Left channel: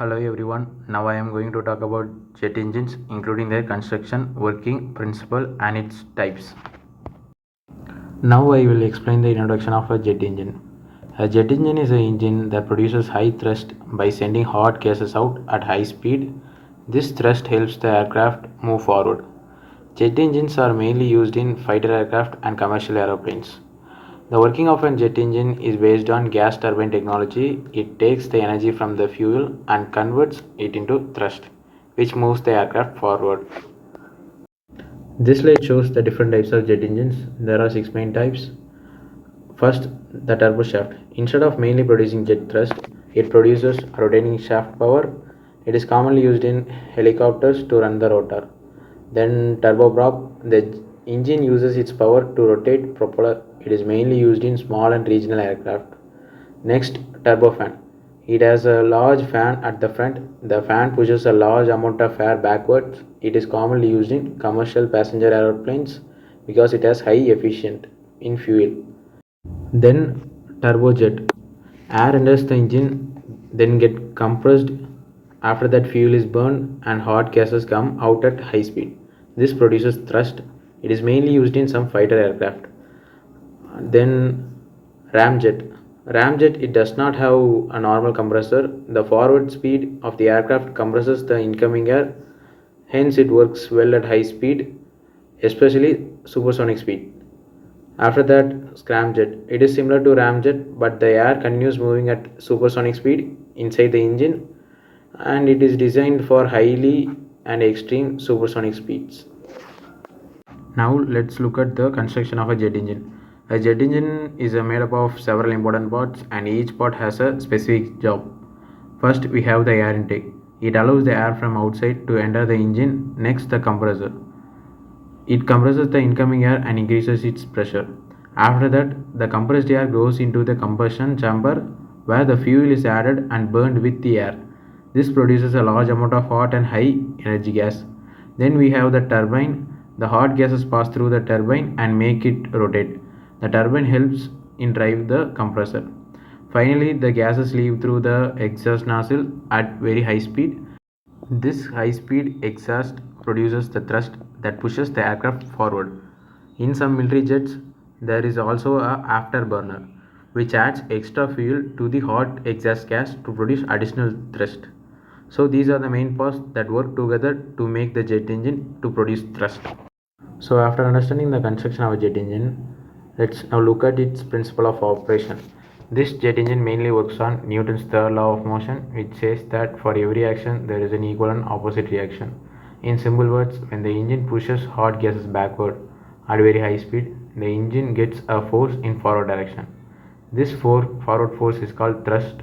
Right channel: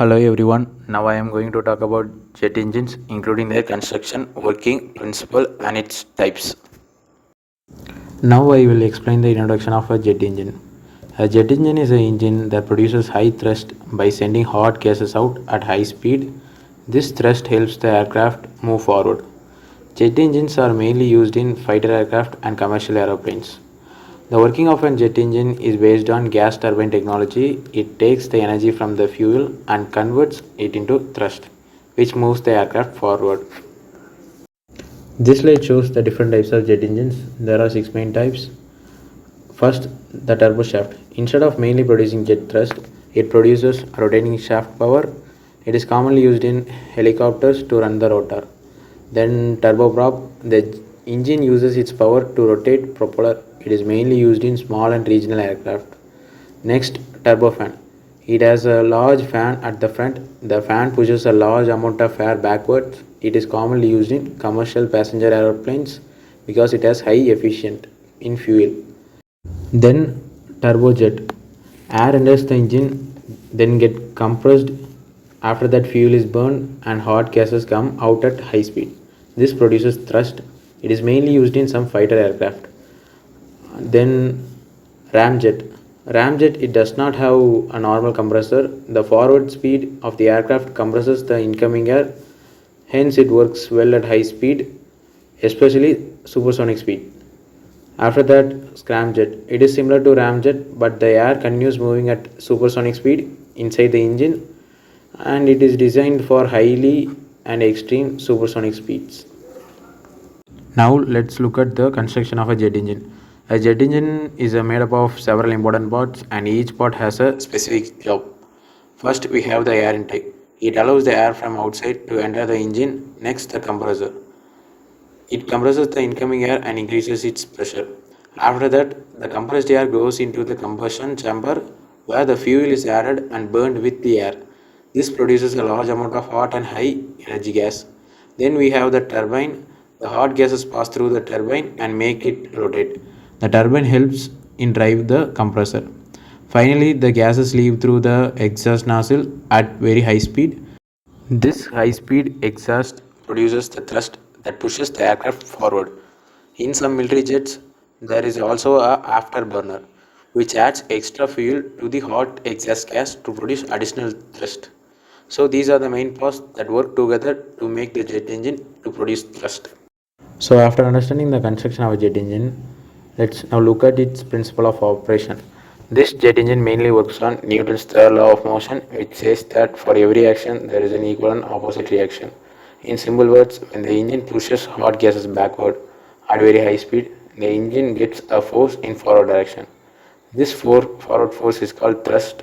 Hello everyone. Now I am going to talk about jet engines, including their construction, working principle, and its types. Now I will explain the introduction of a jet engine. A jet engine is an engine that produces high thrust by sending hot gases out at high speed. This thrust helps the aircraft move forward. Jet engines are mainly used in fighter aircraft and commercial aeroplanes. The working of a jet engine is based on gas turbine technology. It takes the energy from the fuel and converts it into thrust, which moves the aircraft forward. This slide shows the different types of jet engines. There are six main types. First, the turboshaft. Instead of mainly producing jet thrust, it produces rotating shaft power. It is commonly used in helicopters to run the rotor. Then turboprop. The engine uses its power to rotate propeller. It is mainly used in small and regional aircraft. Next, turbofan. It has a large fan at the front. The fan pushes a large amount of air backwards. It is commonly used in commercial passenger aeroplanes because it has high efficient in fuel. Then turbojet. Air enters the engine, then get compressed. After that, fuel is burned and hot gases come out at high speed. This produces thrust. It is mainly used in some fighter aircraft. Then ramjet. Ramjet, it does not have a normal compressor. The forward speed of the aircraft compresses the incoming air. Hence, it works well at high speed, especially supersonic speed. After that, scramjet. It is similar to ramjet, but the air continues moving at supersonic speed inside the engine, and it is designed for highly and extreme supersonic speeds. Now let's look at the construction of a jet engine. A jet engine is made up of several important parts, and each part has a specific job. First, we have the air intake. It allows the air from outside to enter the engine. Next, the compressor. It compresses the incoming air and increases its pressure. After that, the compressed air goes into the combustion chamber where the fuel is added and burned with the air. This produces a large amount of hot and high energy gas. Then we have the turbine. The hot gases pass through the turbine and make it rotate. The turbine helps in drive the compressor. Finally, the gases leave through the exhaust nozzle at very high speed. This high-speed exhaust produces the thrust that pushes the aircraft forward. In some military jets, there is also a afterburner, which adds extra fuel to the hot exhaust gas to produce additional thrust. So these are the main parts that work together to make the jet engine to produce thrust. So after understanding the construction of a jet engine, let's now look at its principle of operation. This jet engine mainly works on Newton's third law of motion, which says that for every action there is an equal and opposite reaction. In simple words, when the engine pushes hot gases backward at very high speed, the engine gets a force in forward direction. This forward force is called thrust.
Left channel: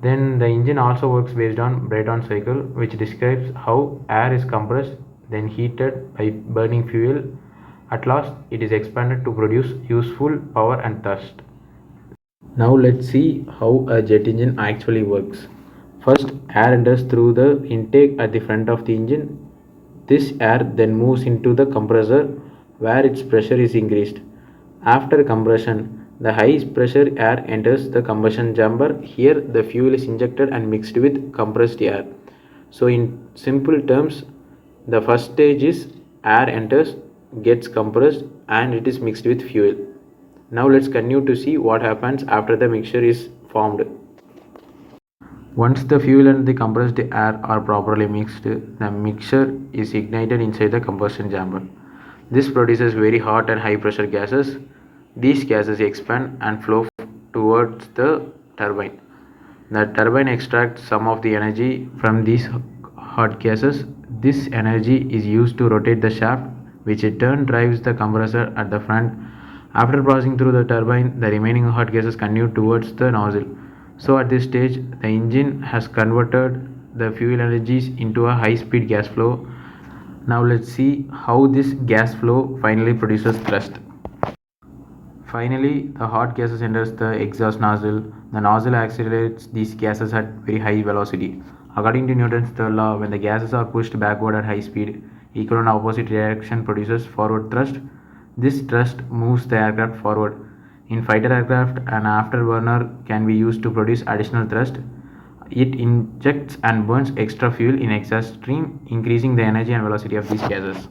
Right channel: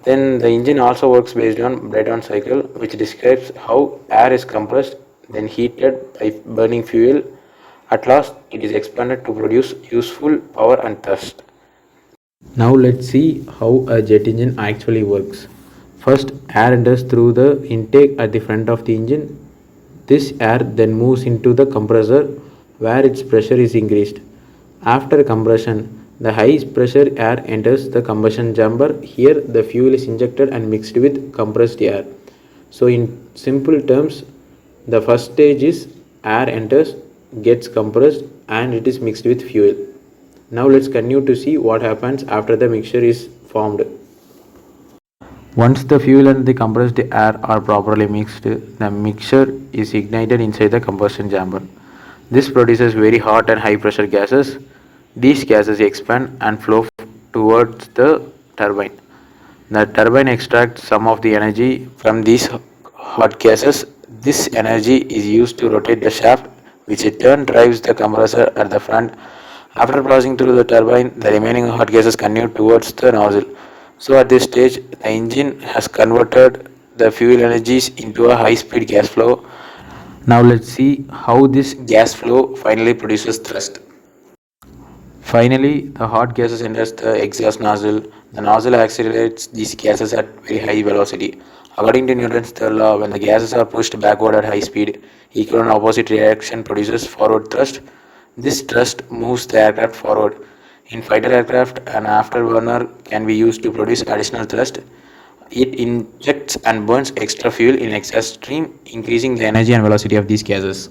Then the engine also works based on Brayton cycle, which describes how air is compressed, then heated by burning fuel. At last, it is expanded to produce useful power and thrust. Now let's see how a jet engine actually works. First, air enters through the intake at the front of the engine. This air then moves into the compressor where its pressure is increased. After compression, the high pressure air enters the combustion chamber. Here the fuel is injected and mixed with compressed air. So in simple terms, the first stage is air enters, gets compressed, and it is mixed with fuel. Now let's continue to see what happens after the mixture is formed. Once the fuel and the compressed air are properly mixed, the mixture is ignited inside the combustion chamber. This produces very hot and high pressure gases. These gases expand and flow towards the turbine. The turbine extracts some of the energy from these hot gases. This energy is used to rotate the shaft, which in turn drives the compressor at the front. After passing through the turbine, the remaining hot gases continue towards the nozzle. So at this stage, the engine has converted the fuel energies into a high-speed gas flow. Now let's see how this gas flow finally produces thrust. Finally, the hot gases enters the exhaust nozzle. The nozzle accelerates these gases at very high velocity. According to Newton's third law, when the gases are pushed backward at high speed, equal and opposite reaction produces forward thrust. This thrust moves the aircraft forward. In fighter aircraft, an afterburner can be used to produce additional thrust. It injects and burns extra fuel in exhaust stream, increasing the energy and velocity of these gases.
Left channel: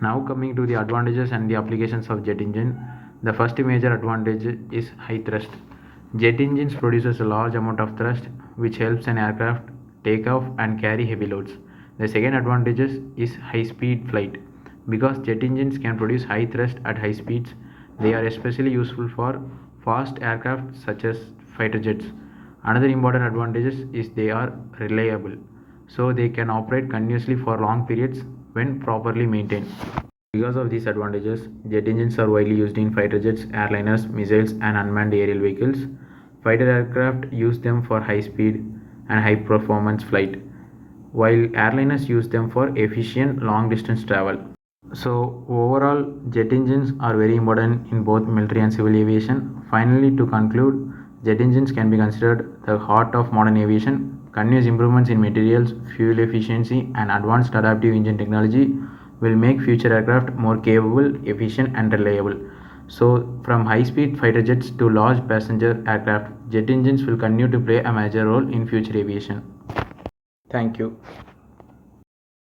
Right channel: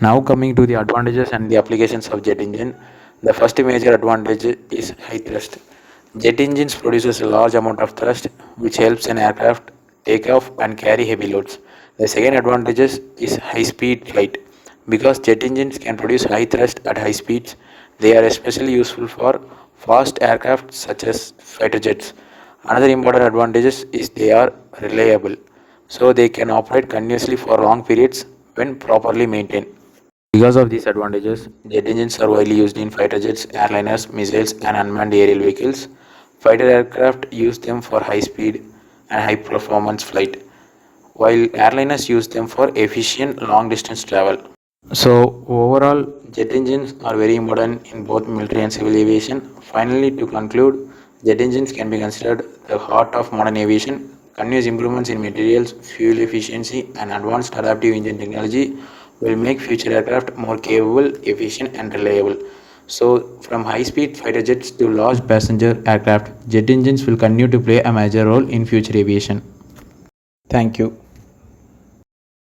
Now coming to the advantages and the applications of jet engine, the first major advantage is high thrust. Jet engines produces a large amount of thrust which helps an aircraft take off and carry heavy loads. The second advantage is high speed flight. Because jet engines can produce high thrust at high speeds, they are especially useful for fast aircraft such as fighter jets. Another important advantage is they are reliable, so they can operate continuously for long periods when properly maintained. Because of these advantages, jet engines are widely used in fighter jets, airliners, missiles, and unmanned aerial vehicles. Fighter aircraft use them for high speed and high performance flight, while airliners use them for efficient long distance travel. So, overall, jet engines are very important in both military and civil aviation. Finally, to conclude, jet engines can be considered the heart of modern aviation. Continuous improvements in materials, fuel efficiency, and advanced adaptive engine technology will make future aircraft more capable, efficient, and reliable. So, from high speed fighter jets to large passenger aircraft, jet engines will continue to play a major role in future aviation. Thank you.